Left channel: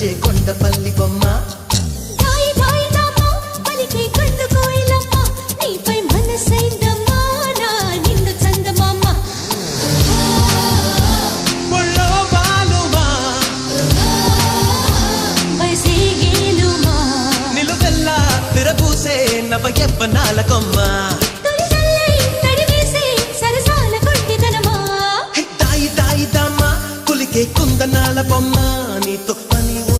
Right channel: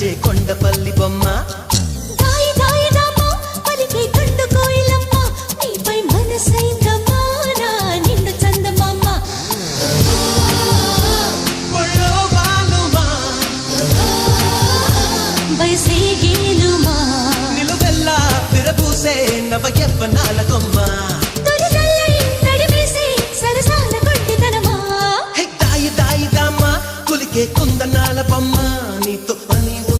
పిలిచే కొండపల్లి బొమ్మ దాయి దాయి నామ పలికే కొండ కోయిలమ్మ నీపై మనసైందమ్మా నా నిండు చందమామ ఒళ్ళో బాలుమా బయసేగేలుమా నిలువెల్లా విరబూసే నవ యవ్వనాల కొమ్మ